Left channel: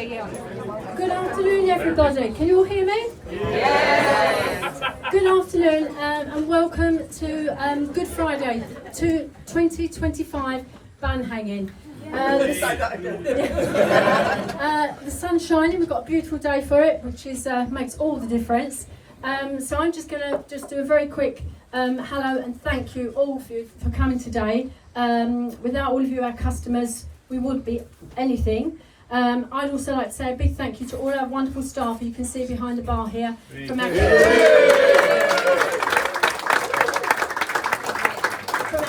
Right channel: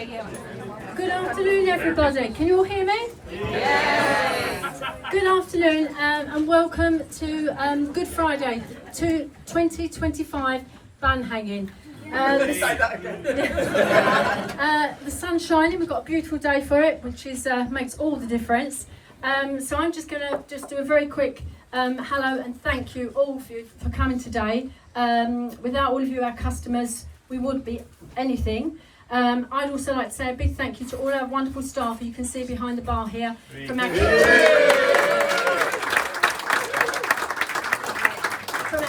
Good afternoon, everybody. Can you all hear me? Yes. Good afternoon, and welcome to Good Friday, to 2025 ban hanging. The sun's shining. We've got a beautiful day for it, which is makes all the difference. So I'm just going to do a very quick hello and thank you all for coming today. Without all of you, our customers, we wouldn't be anything. I'd also like to say a big thank you to all our wonderful staff you can see behind the bar here. From our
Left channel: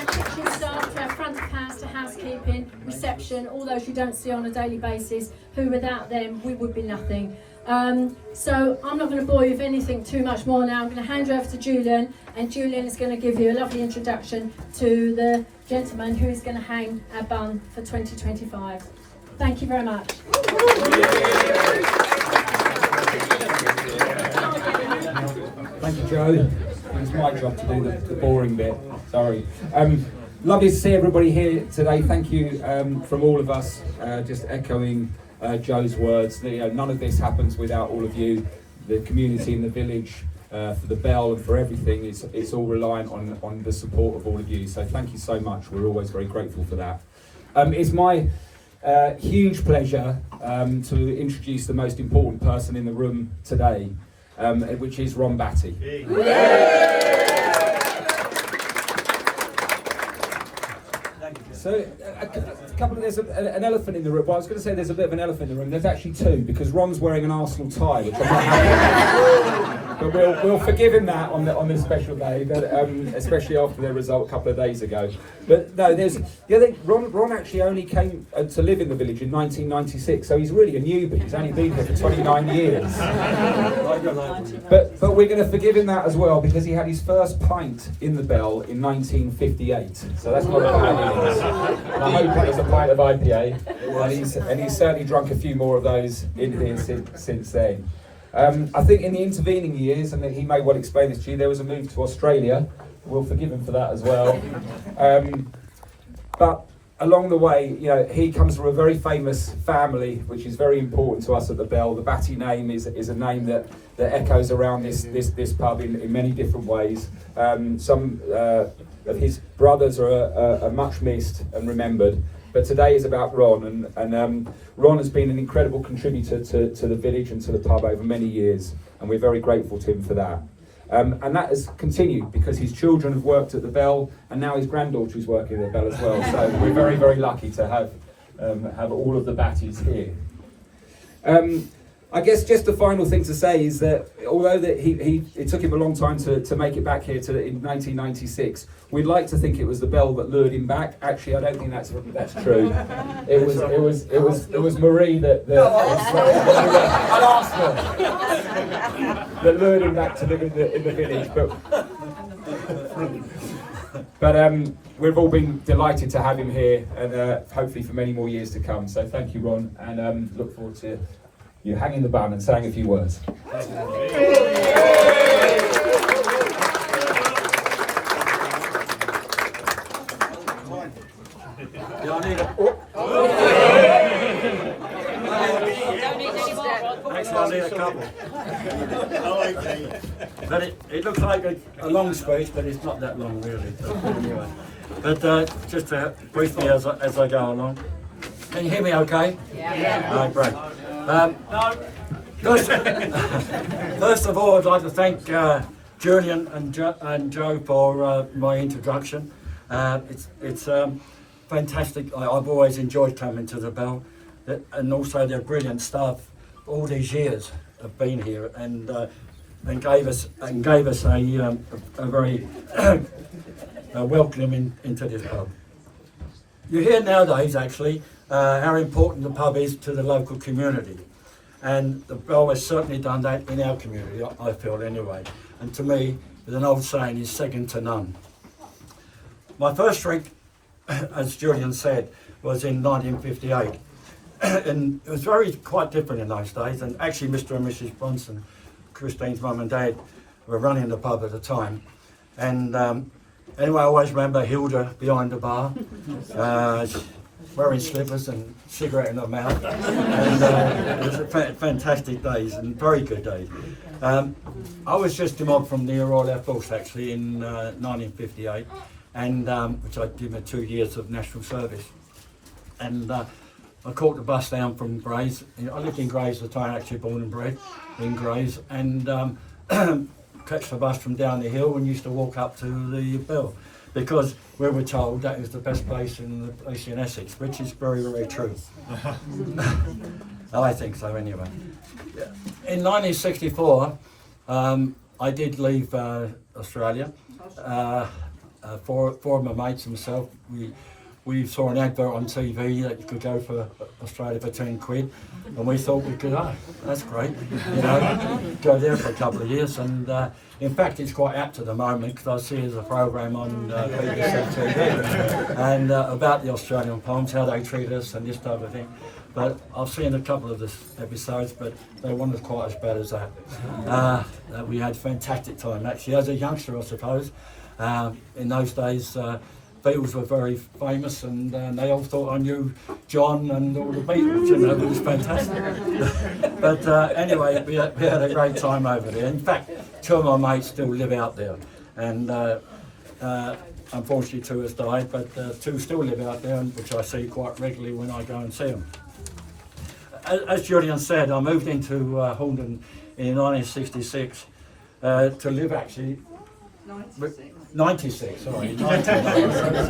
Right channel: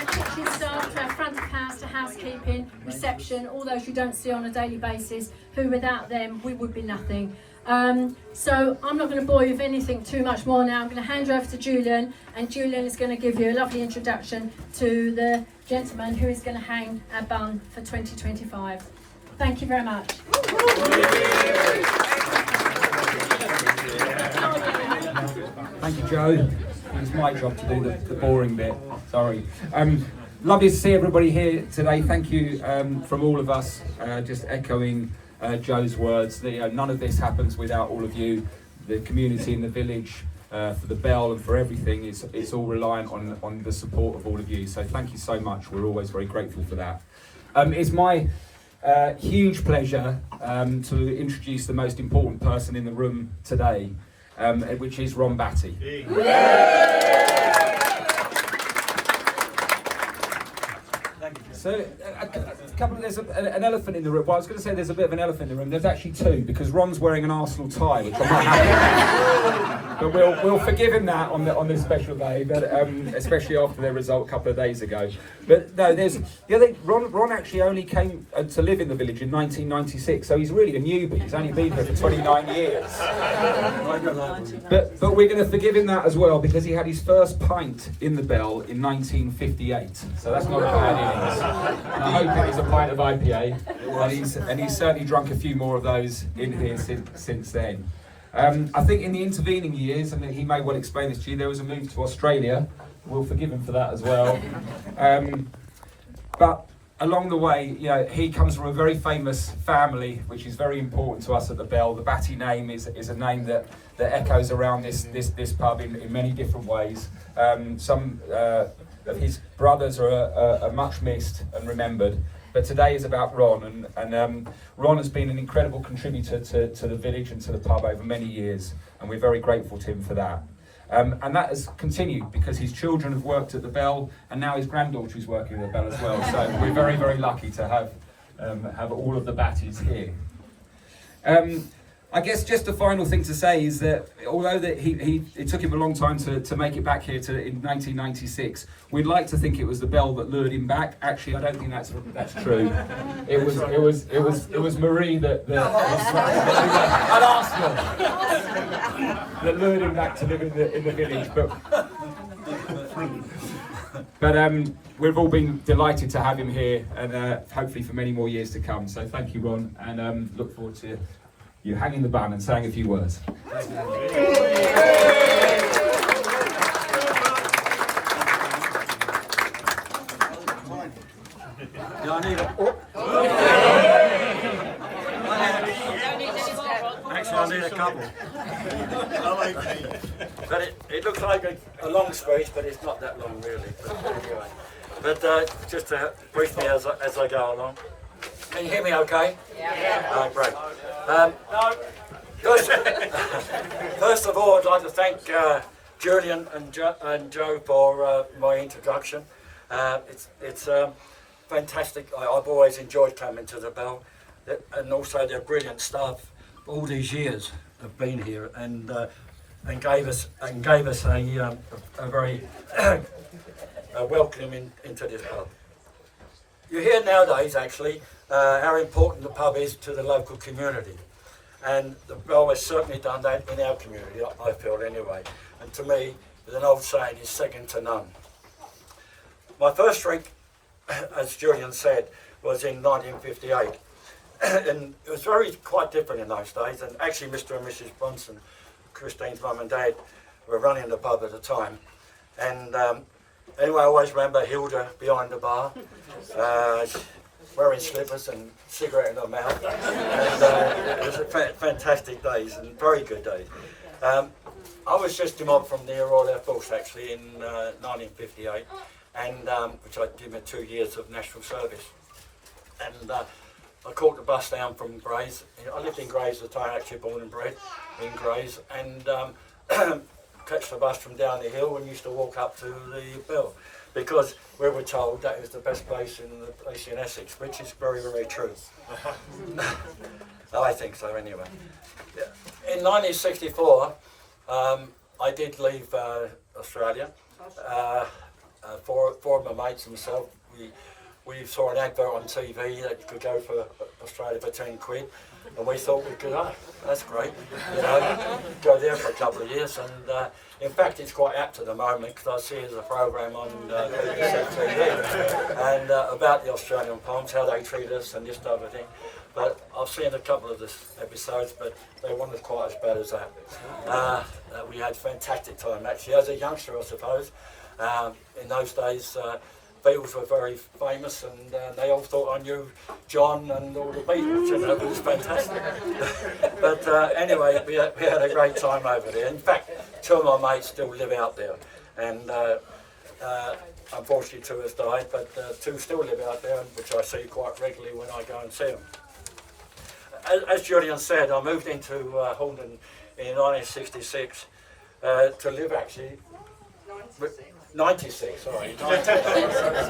kitchen staff, to our front of house, to housekeeping, reception, all those you don't see on a daily basis, who without them we would be nothing. So I'm not going to bore you with anything too much more now. I'm going to hand you over to Julian, and Julian is going to give you a lovely introduction to the gentleman who is going to hang our bun for 2025. Thank you very much. Thank you, Joe. It's my job to do the boring bit. Sorry. Lovely to see everybody here today. Thank you from all of us. Just echoing Joe's words. None of this happens without all of you. The community in the village, for the bell and for everything, it's all reliant on the support of all of you. So thank you so much. We're always very grateful for that. It's my huge pleasure to introduce the most important person in the room today, which is Ron Batty. So, there's an elephant in the room. Well, I was going to say there's a bit of an elephant in the room. There's actually two, because Ron's wearing an Arsenal tie, which I'm not happy with. But we'll forgive him that on this special day, but, especially after their result a couple of days ago. But no, Ron actually only came to live in the village in 1996, so he's really a newbie. He's only been here for 29 years. But we're going to forgive him that as well, because he had his first pint in the Bell in 1958. So that's not a bad innings. And I hope it was a pint of IPA, and he's certainly drunk a few more of those in here since then. I think in the intervening years, and he may well explain this to you, there was a move to Australia. We'll forgive him for that as well. But along the way, he comes from a very famous family, which is very important to us at the Bell. The Batty name is a name that echoes around this pub in many different ways. Some of his brothers are much missed and remembered, but today is about Ron, and Ron has been an incredible contributor to the village and to the pub over many years, and we're very grateful to him for that. And that has continued because his children have worked at the Bell, and now his granddaughter is working at the Bell as well. So we're very, very lucky to have all of the Batties here. I guess just the final thing to say is that although it took him a long time to make it back here in 1996, we'd like to think it was the Bell that lured him back. Actually, I don't think that's true. It was Marie that lured him back to live in the village. But we've all been delighted to have him here, and hopefully for many more years to come. So thank you, Ron, and look forward to you hanging the bun and saying a few words. Actually, I need a couple. But it looks like a long speech, but it's not that long really. But anyway, just briefly as I go along. Can you hear me okay? Yeah. Great. First of all, I'd like to thank Julian and Joe for my introduction. It's fantastic. I've always enjoyed coming to the Bell, and also their brilliant staff. All these years have been here and gave us a very welcoming into this pub. You hear nowadays actually how important the pub is to the local community, and the Bell has certainly done that in our community, I feel anyway. And to me, there's an old saying, is second to none. My first drink, as Julian said, was in 1958. And it was quite different in those days, and actually Mr. and Mrs. Brunson, Christine's mum and dad, were running the pub at the time. And anyway, I always remember Hilda behind the bar. wearing slippers and cigarette in their mouth. And, it was a fantastic days and very good days. I was just a mob from the Royal Air Force actually in 1958, and which I did my 2 years of national service. And I caught the bus down from Grays. I lived in Grays at the time, actually born and bred in Grays, and catch the bus from down the hill and used to walk up to the Bell, because we were told that was the best place in Essex, which is very, very true. I think so anyway. In 1964, I did leave Australia. Four of my mates and myself, we saw an advert on TV that you could go for Australia for 10 quid, and we thought we could, that's great, you know, go there for a couple of years. And in fact, it's quite apt at the moment, because I see there's a program on BBC TV and about the Australian Palms, how they treat us and this type of thing. But I've seen a couple of the episodes, but they weren't quite as bad as that. We had a fantastic time actually as a youngster, I suppose. In those days, Beatles were very famous, and they all thought I knew John and all the Beatles, you know, it was fantastic. But anyway, we had a great time over there. In fact, 2 of my mates do live out there, and unfortunately 2 has died, but 2 still live out there, which I see quite regularly when I go and see them. As Julian said, I moved into Horndon in 1966 to live actually. 96, sorry. 96.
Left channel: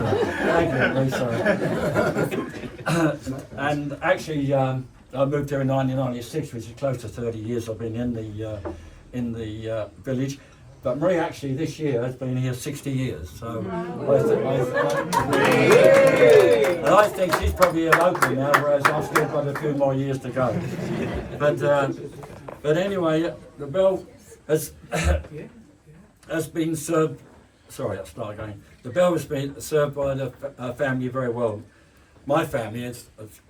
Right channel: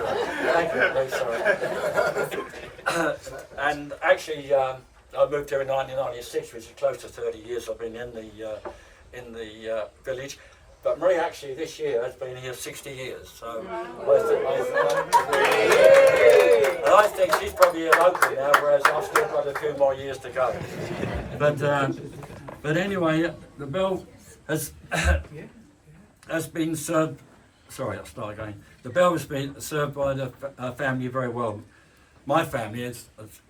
And actually, I moved here in 1996, which is close to 30 years I've been in the village. But Marie actually this year has been here 60 years, so and I think she's probably a local now, whereas I've still got a few more years to go. But anyway, the Bell has been served. Sorry, I'll start again. The Bell has been served by the family very well. My family has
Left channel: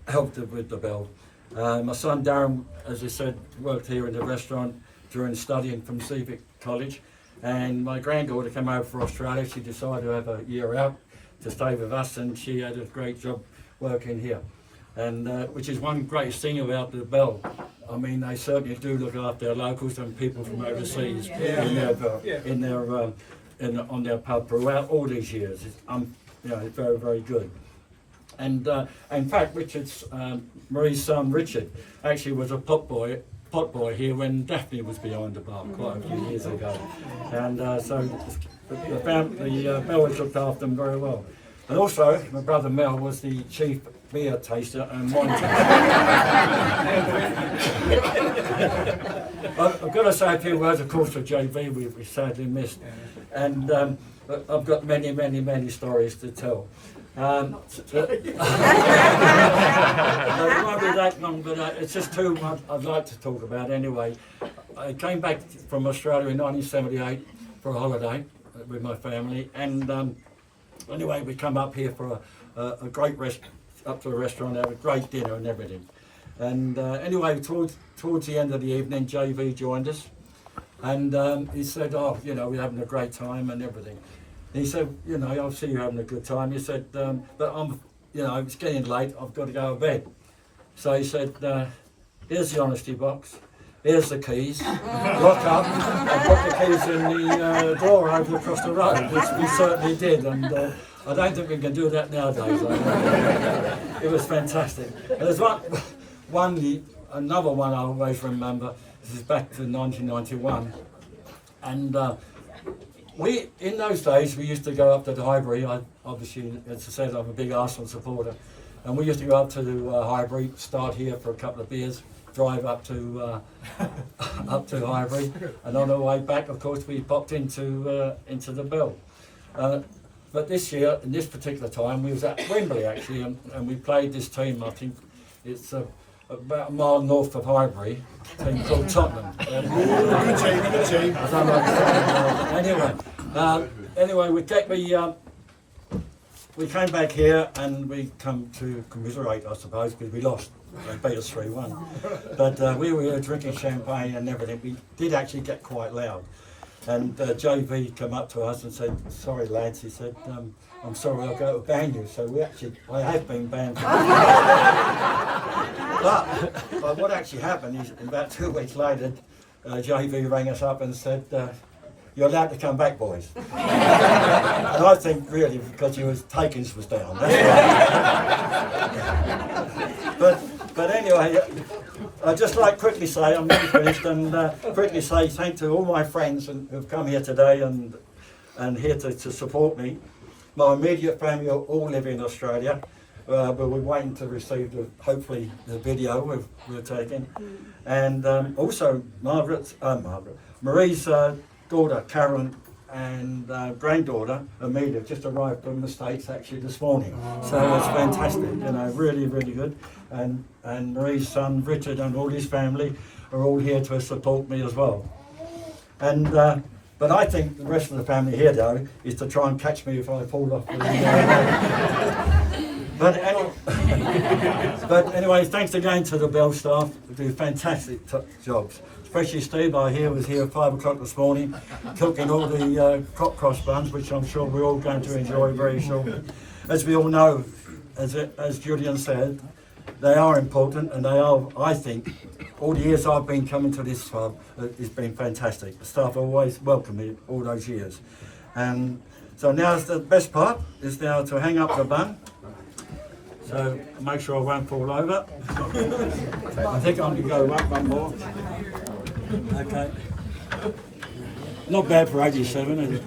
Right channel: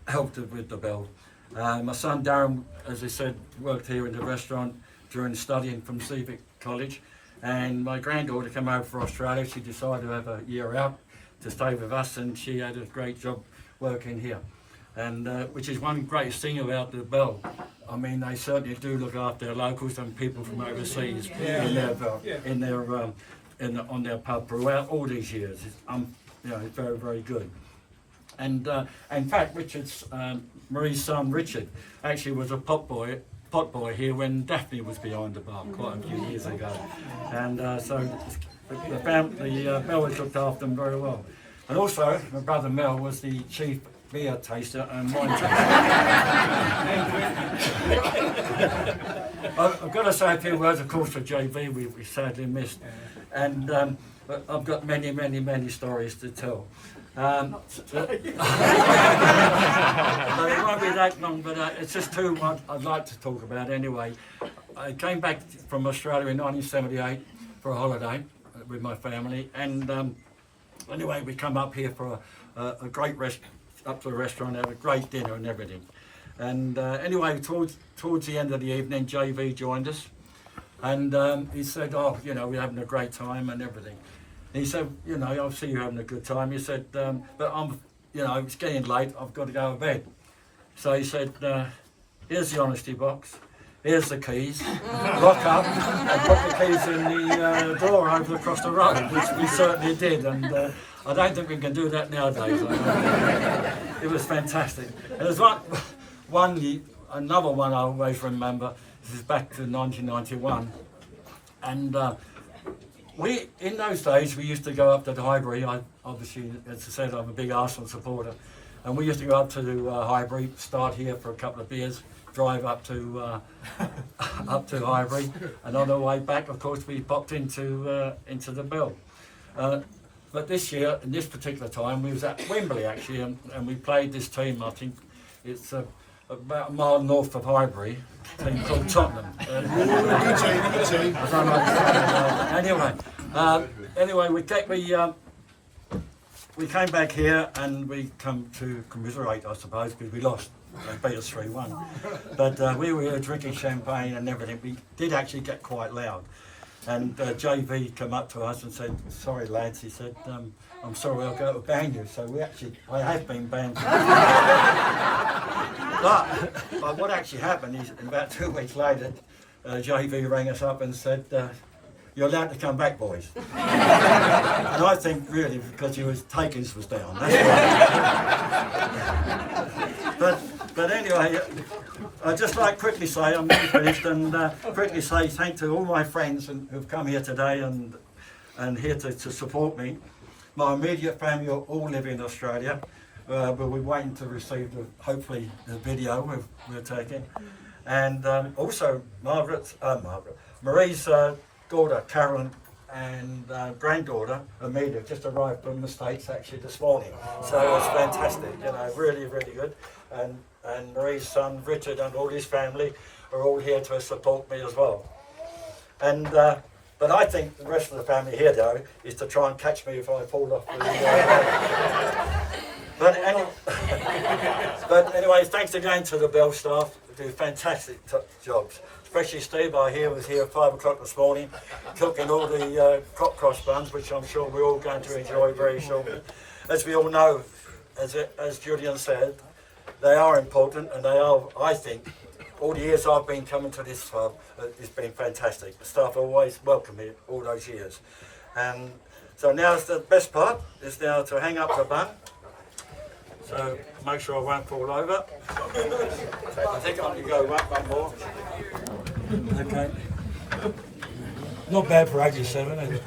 helped with the Bell. My son Darren, as I said, worked here in the restaurant during studying from Civic College. And my granddaughter came over from Australia. She decided to have a year out to stay with us, and she had a great job working here. And which is one great thing about the Bell. I mean, they certainly do look after their locals and people from overseas on their pub throughout all these years. It's you know, it's very, very good. And in fact, Marie's son Richard actually was a pot boy here when Daphne was behind the bar quite a few years ago. And so the Mel has looked after them very well. And also, my brother Mel was the chief beer taster and wine taster. I've got to say a few words, of course, for JV we sadly missed. And I've got many, many, many stories to tell. It won't be that long, but it's just 2 I'd like to talk about anyway. I came back from Australia in 1978 for a holiday with my family, and anyway, we come up here for a great up to a restaurant, had a great dinner and everything. And anyway, towards the end of the evening, JV joined us, and he said, "Oh, you know, we're having a great time and everything." And he said, "You know, I see you're having a good time." He said, "But you know, it's getting late. I've got to go to bed." So he said, "Here's the honesty box. Here's the keys. Lock up and put the keys in the drawer over across the road," which we certainly did. And I don't think we can do that nowadays. It was fantastic. And there's another one I always remember. This is back to 1991, and in those days we used to go up to the Highbury. Obviously, as I said, I'm a big Arsenal supporter, and we used to go up to the Highbury, start here for a couple of beers, drive up to Highbury, and on our way back, of course, we popped into the Bell. But this year, in this particular time, we was at Wembley actually, and we played this team. I think it's about a mile north of Highbury, a team called Tottenham. Anyway, we came back here and we come to commiserate, I suppose, because we lost. They beat us 3-1. But we were here drinking champagne and everything. We did actually get quite loud. And JV came up to us and said, sorry lads, he said, I'm sorry, I'll go to ban you. So I have been banned. But what actually happened is about 2 weeks later, JV rang us up and said, you're allowed to come back, boys. And I think really because takings was down. That's right. But anyway, I'd just like quickly say, I'm nearly finished, and quickly say thank to all my friends who've come here today and here to support me. My immediate family all live in Australia, but we're waiting to receive hopefully the video we're taking. And also Marie's daughter, Karen, and granddaughter, Amelia, just arrived from the States actually this morning. So it's fantastic, you know, really, really good. And Marie's son, Richard, and all his family are all here to support me as well. And but I think the rest of the family here, though, is to try and catch me if I fall off. But anyway, thanks again to the Bell staff. They do fantastic jobs. Especially Steve, I hear was here at 5 o'clock this morning, cooking all the crop cross buns, which I'm sure we're all going to enjoy very shortly. As we all know, as Julian said, they are important, and they are, I think, all the years I've been coming to this farm, it's been fantastic. The staff always welcome me all those years. And so now's the best part, is now to hang up the bun. So make sure I won't fall over. I think I'm going to go one more. Okay. Not bad for 87, is it?